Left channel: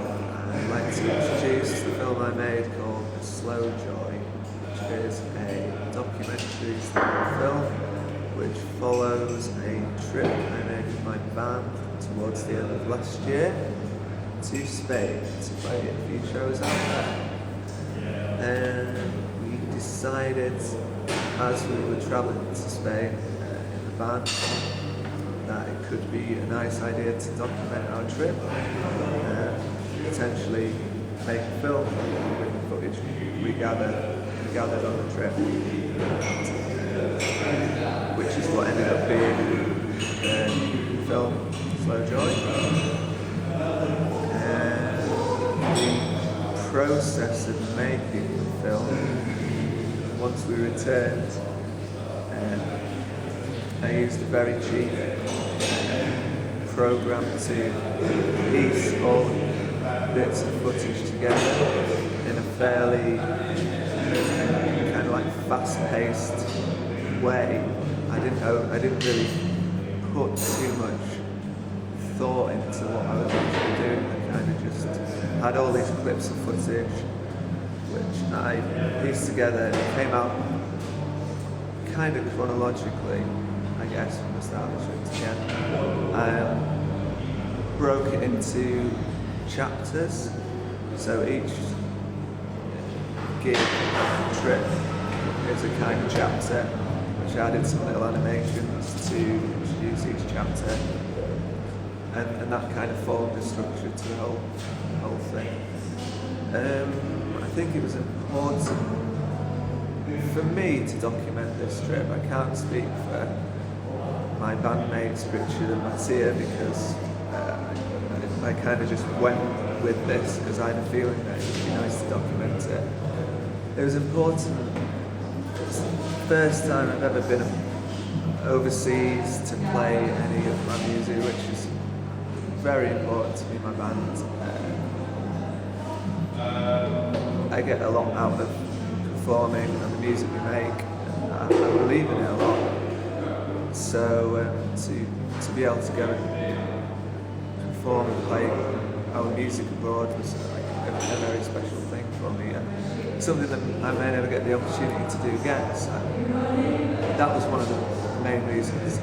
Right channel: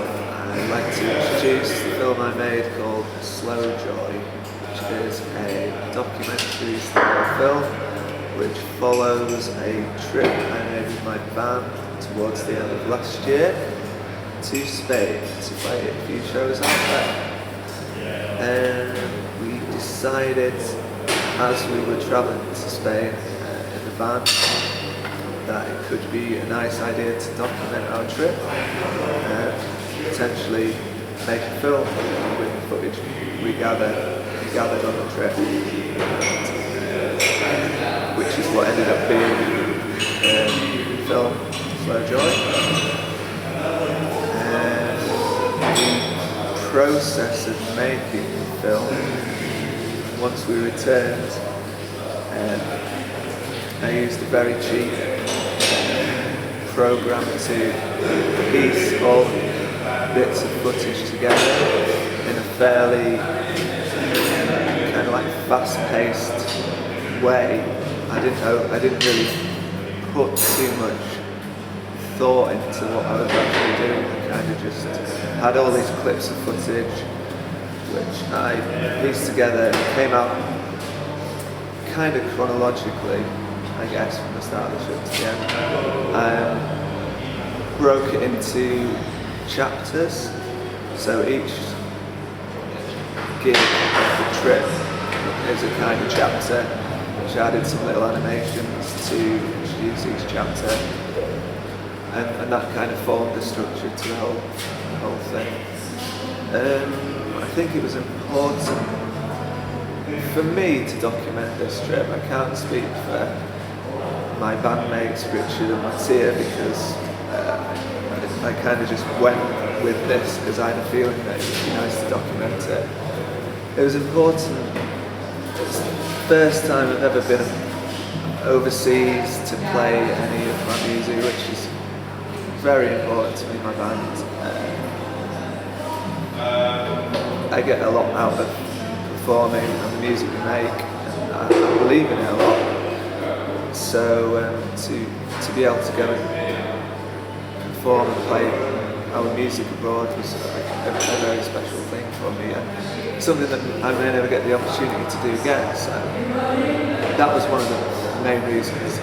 I'd like to introduce the film I made called Slow Joy, which is a documentary style film which follows a trip I made with my band towards the end of last year to Spain to play a few shows out there. And we decided as we were travelling to Spain in the van that it could be a nice idea to document our trip and potentially make a film with the footage we gathered on the trip, which is what ended up being the film Slow Joy. And the process of making the film, once we returned, I used a very cheap program to piece all bits of footage together in a fairly kind of like fast-paced way. I didn't really put too much thought into what I was actually doing. I kind of just had all these clips of footage which I pieced together and it came out kind of chronologically, I guess, from the start of the trip to the end. Broke it into chapters, so each gig of the trip is a kind of chapter, which added some little animations to introduce each chapter, and that kind of formed the structure to the whole thing. I think it was important for me to document this trip. I can't speak for my bandmates Richard and Mattia because I kind of just went with this because I had a feeling that it would be nice to document it. It was important. It's the first time I've ever been overseas to play any of my music, which is very important to me, my band. I get a lot out of performing and the music we make, and I believe in it a lot. So to be able to go and perform and play our music abroad was like a very special thing for me, and something that I may never get the opportunity to do again. So that was one of the main reasons I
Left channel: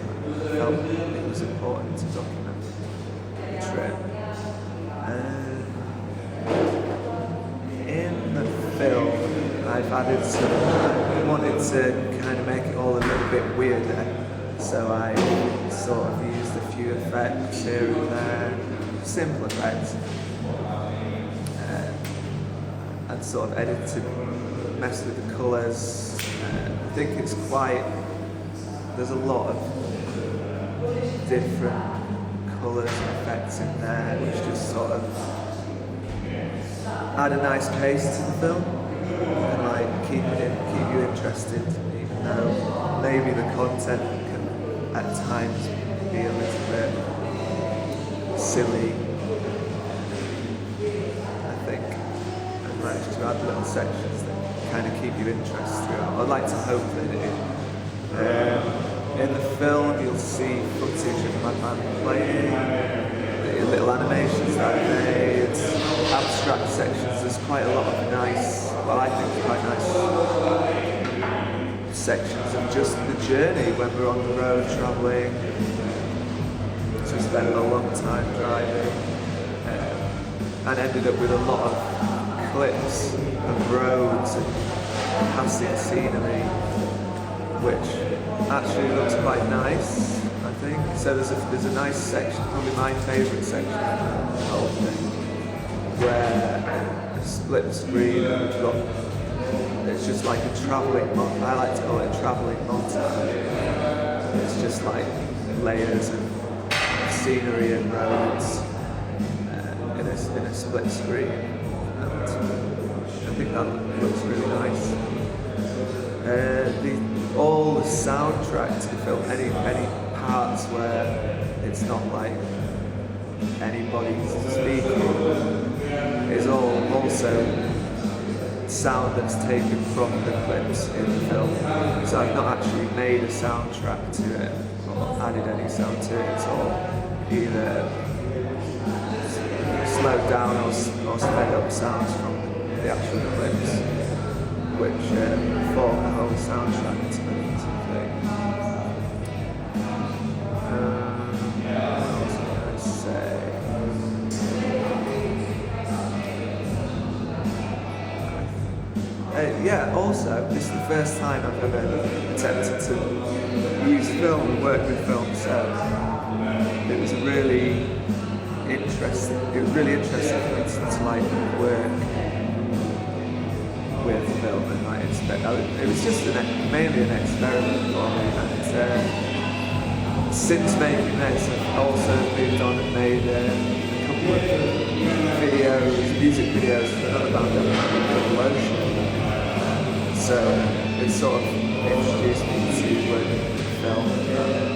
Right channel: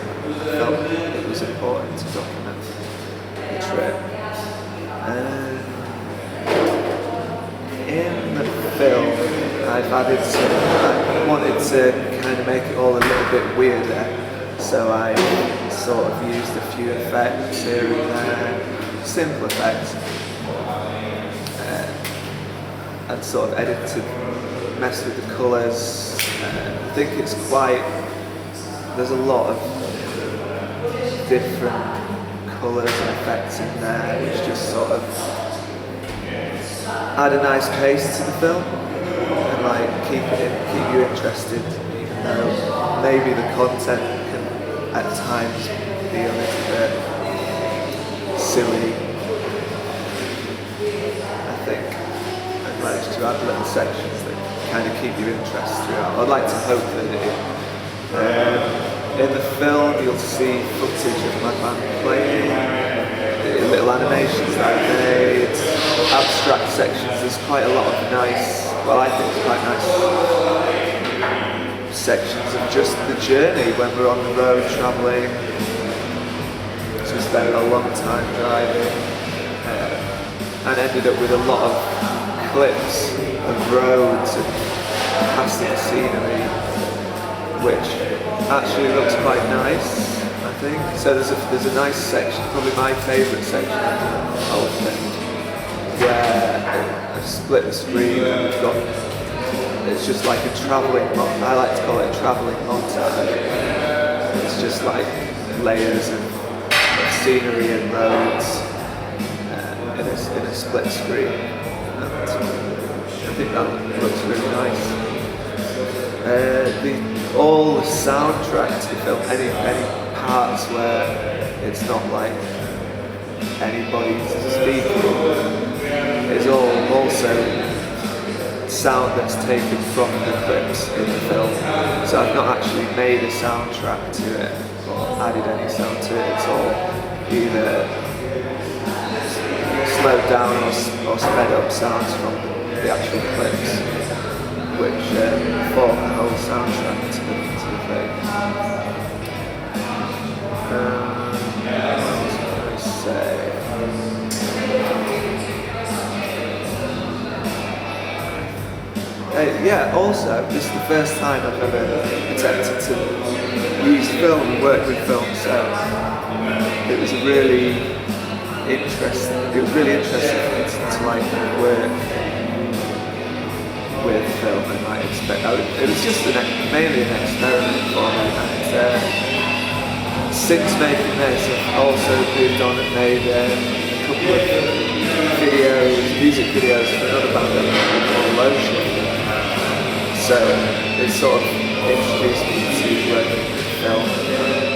felt it was important to document the trip. And in the film, I've added I wanted to kind of make it all a little bit weirder. So I sort of used a few effects here and there, simple effects, and sort of edited, messed with the colours. I think it's there's a lot of different colours and effects in there, which just sort of add a nice pace to the film and like keep you interested, even though maybe the content can at times be a little bit silly. I think I've managed to add little sections that kind of keep your interest throughout. I'd like to hope that in the film you'll see footage of my band playing, the little animations that I've made, abstract sections. There's quite a lot of nice, well I think it's quite nice sections of just the journey when we're on the road travelling. So we spent a long time driving and ended up with a lot of clips of roads and passing scenery, which actually looks quite nice, I think. So there's a nice section, probably my favourite section of the whole thing, where I've split the screen and we've got, it's just like a travelling, I like to call it a travelling montage. It's just like layers of scenery and roads in a split screen, and I think that looks really nice. All the soundtrack to the film, any parts where it's not like anybody's speaking, is all also sound that's taken from the clips in the film. So I've not actually made a soundtrack to it or added any sound to it. It's all either slowed down or sped up sounds from the actual clips, which form the whole soundtrack to the thing. What else can I say? Yeah, also, this is the first time I've ever attempted to use film and work with film, so it was really interesting for me to like work with film and like it was just mainly an experiment for me, and since making this I've also moved on and made a couple of music videos for another band called Lotion. So it sort of introduced me to working with film, and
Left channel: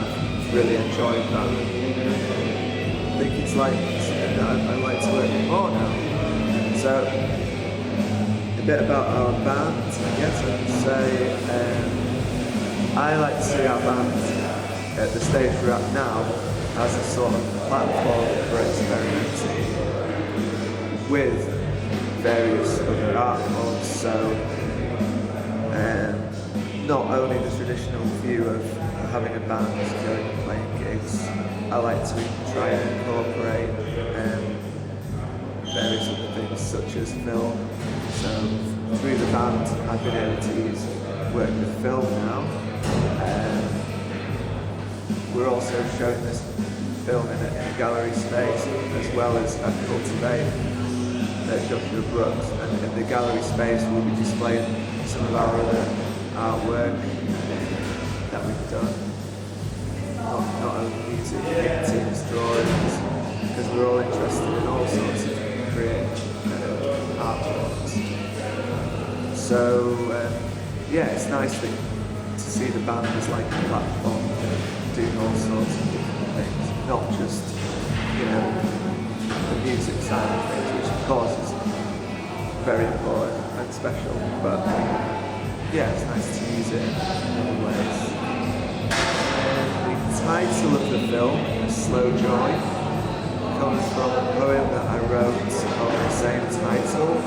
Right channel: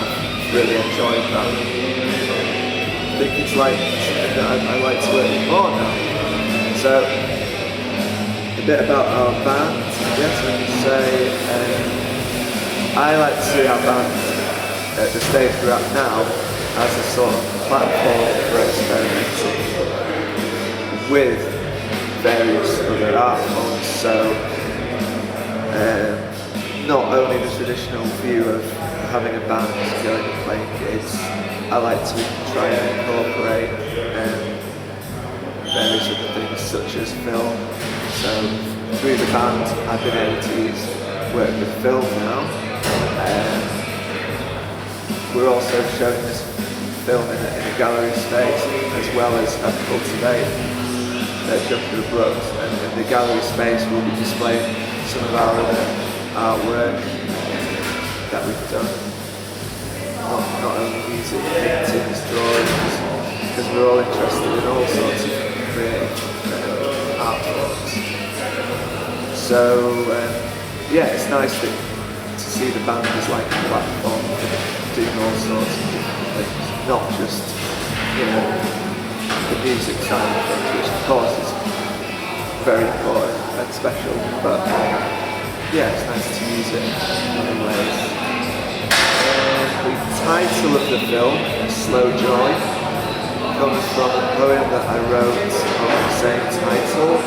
I've really enjoyed that. I think it's like something that I like to work with more now. So a bit about our band, I guess I could say. I like to see our band at the stage we're at now as a sort of platform for experimenting with various other art forms, so not only the traditional view of having a band going and playing gigs. I like to try and incorporate various other things such as film. So through the band I've been able to work with film now. We're also showing this film in a gallery space as well as at CULTIVATE at Joshua Brooks, and in the gallery space we'll be displaying some of our other artwork that we've done. Not only music, paintings, drawings, because we're all interested in all sorts of creative art forms. So yeah, it's nice to see the band as like a platform for doing all sorts of different things, not just, the music side of things, which of course is very important and special, but yeah, it's nice to use it in other ways. The title of the film, Slow Joy, comes from a poem that I wrote of the same title,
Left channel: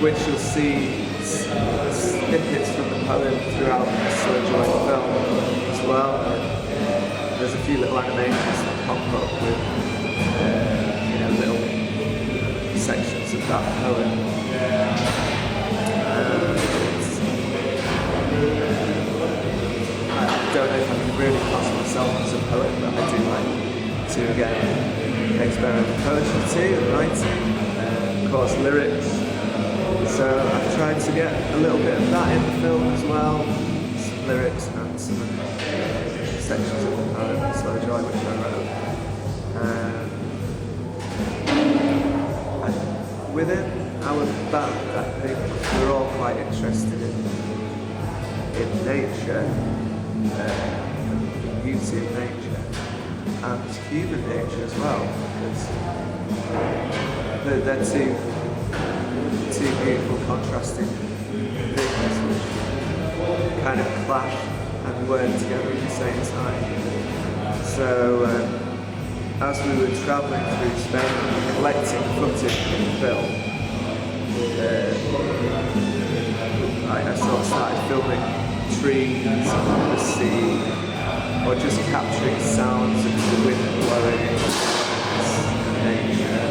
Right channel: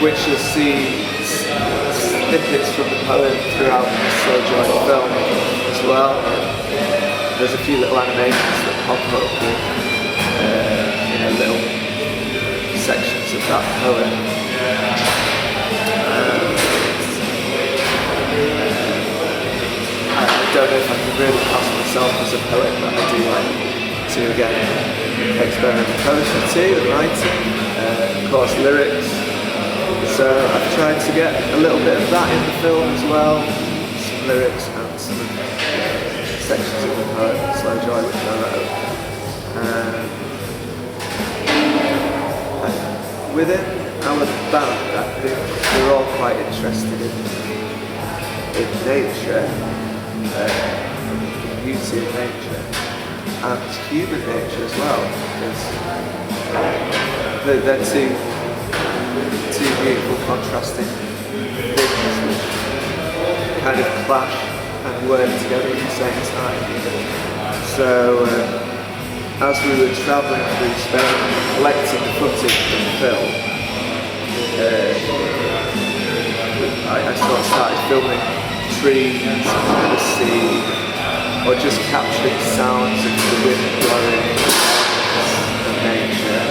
which you'll see snippets from the poem throughout the Slow Joy film as well. There's a few little animations that pop up with little sections of that poem. I don't know if I can really class myself as a poet, but I do like to again experiment with poetry too and writing, of course lyrics. So I've tried to get a little bit of that in the film as well, some lyrics and some of the sections of the poem Slow Joy which I wrote. Within our band I think we're all quite interested in nature, the beauty of nature and human nature as well, because they're two beautiful contrasting things which kind of clash and work together at the same time. So as we were travelling through Spain collecting the footage for the film, I sort of started filming trees and the sea, or just capturing sounds of the wind blowing and nature.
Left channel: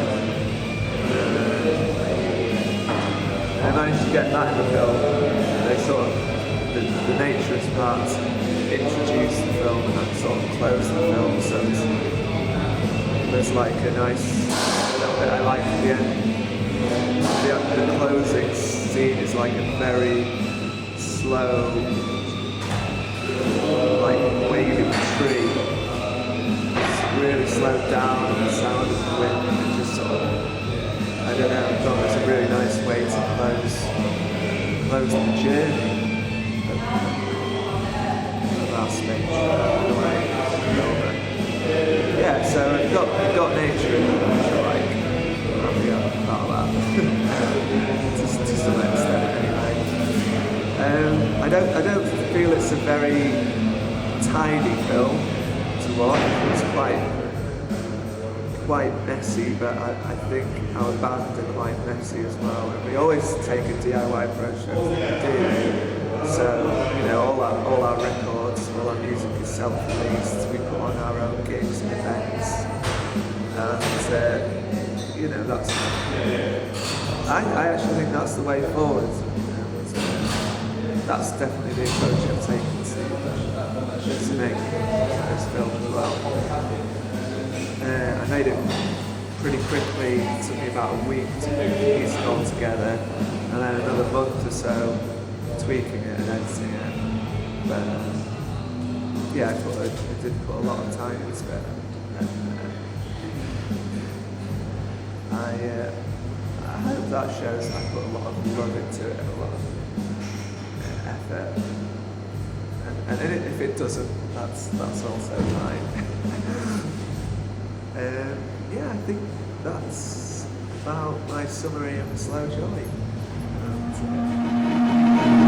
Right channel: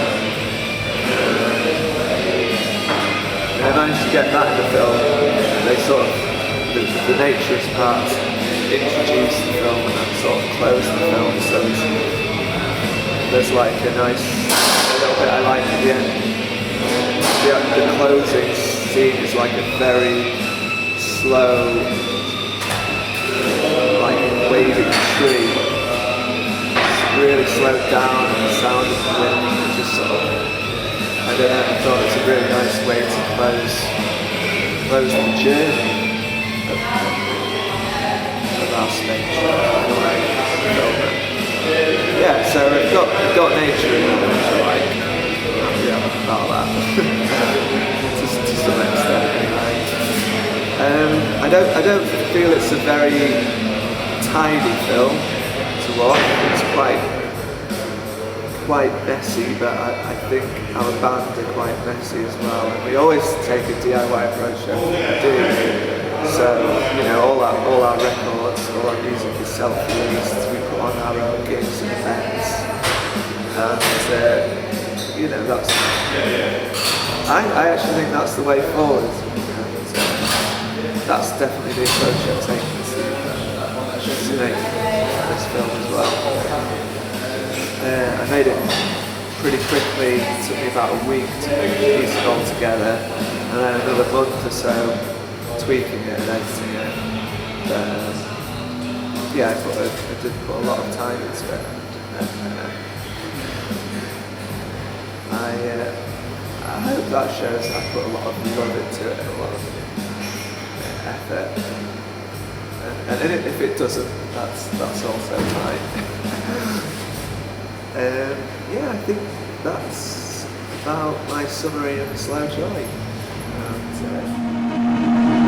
And I managed to get that in the film. They sort of, the naturist part introduced the film and then sort of closed the film, so there's like a little bit I like at the end. The closing scene is like a very slow, like waving tree. It's really slowed down and the sound of the wind, and just sort of, I don't know, I thought it was a really nice way to close the journey of our Spain trip in a way, film it. Yeah, so I've got nature in there, which I like. I'm happy about that. to some extent anyway. I don't feel it's a very tidy film to watch. It's quite messy, but I think our band are quite messy as well, and we always take a DIY approach to everything we do. So, you know, all our records, all our music is self-released. We put on our own gigs and events, and you know, that's. I actually think that's the way forward, and that's definitely the approach I've taken to make this film as well. I made it pretty quickly. It took me about a week to piece it all together, and then another month or so tweaking it and editing it. But yeah, I did put a lot of time into it, and I hope that shows I put a lot of love into it and a lot of effort. And if it doesn't, that's also fine. Yeah, I think that's about my summary of Slow Joy. And,